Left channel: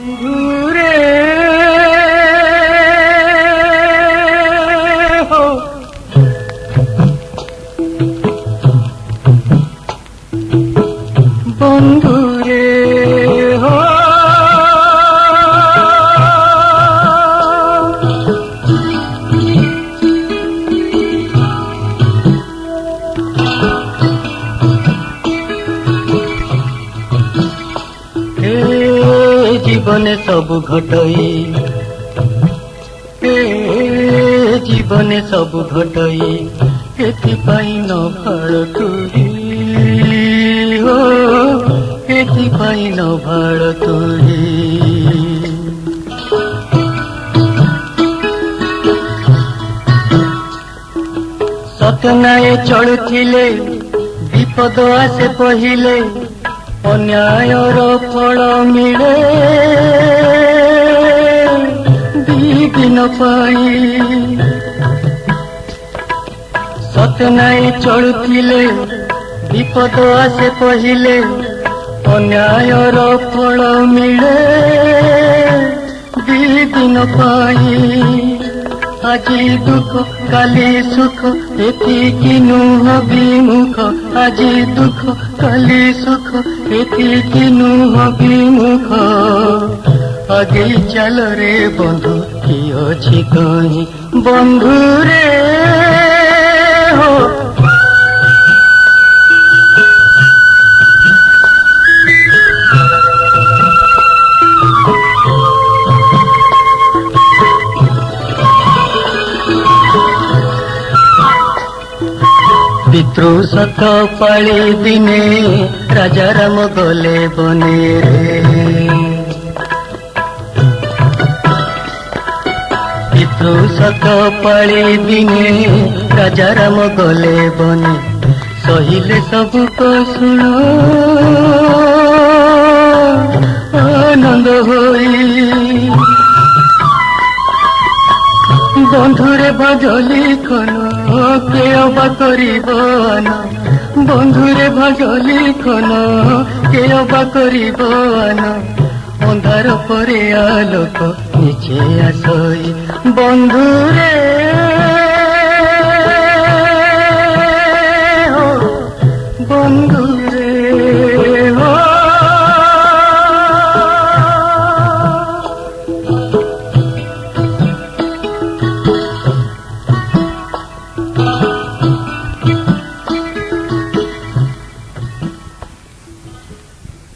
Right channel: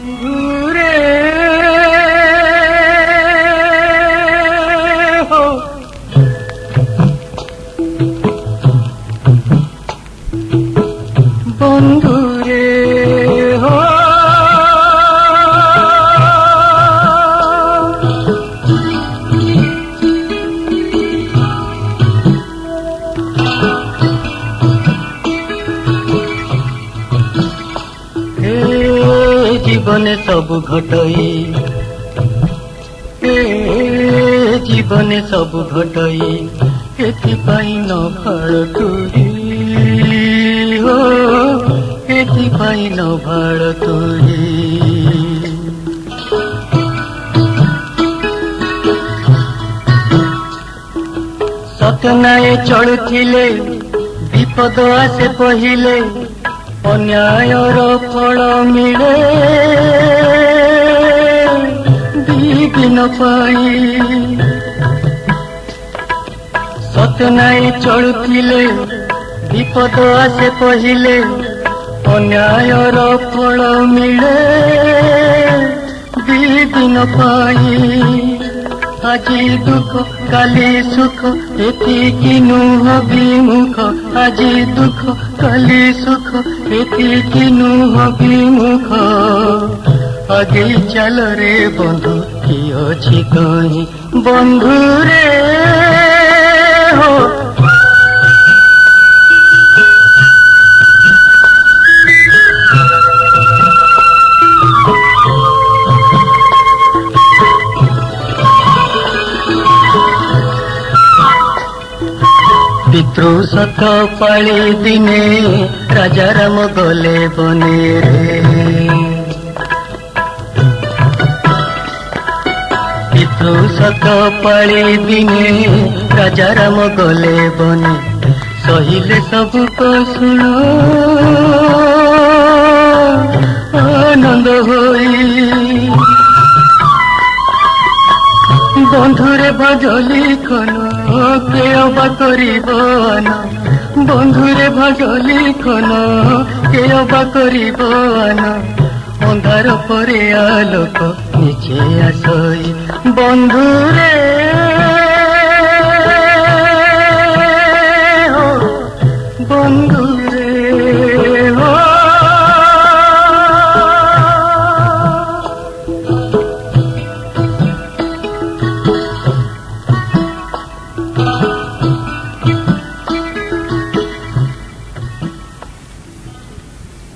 বন্ধুরে হো বন্ধুরে হো জীবনে সবু ঘটই জীবনে সবু ঘটই এথিপাই ন ভাড় তুই হো এথিপাই ন ভাড় তুই সত্যনায়ে চলুଥିଲେ বিপদ আসে পहिले अन्यायर फल मिले दिन पाई सतनाई चलुथिले विपद आसे पहिले अन्यायर फल मिले दिन पाई আজি দুঃখ কালি সুখ এতিকি নুহ বিমুখ আজি দুঃখ কালি সুখ এতিকি নুহ বিমুখ আগেই চাল রে বন্ধু কি অছি তহি বন্ধু রে হো पितृ सत पाली दिने राजा राम गले बने रे पितृ सत पाली दिने राजा राम गले बने सहिले सब को सुनो आनंद होई बंधुरे भागली खन के अबा करिबन बंधुरे भागली खन के अबा करिबन अंधार परे आलोक नीचे आसई बंधुरे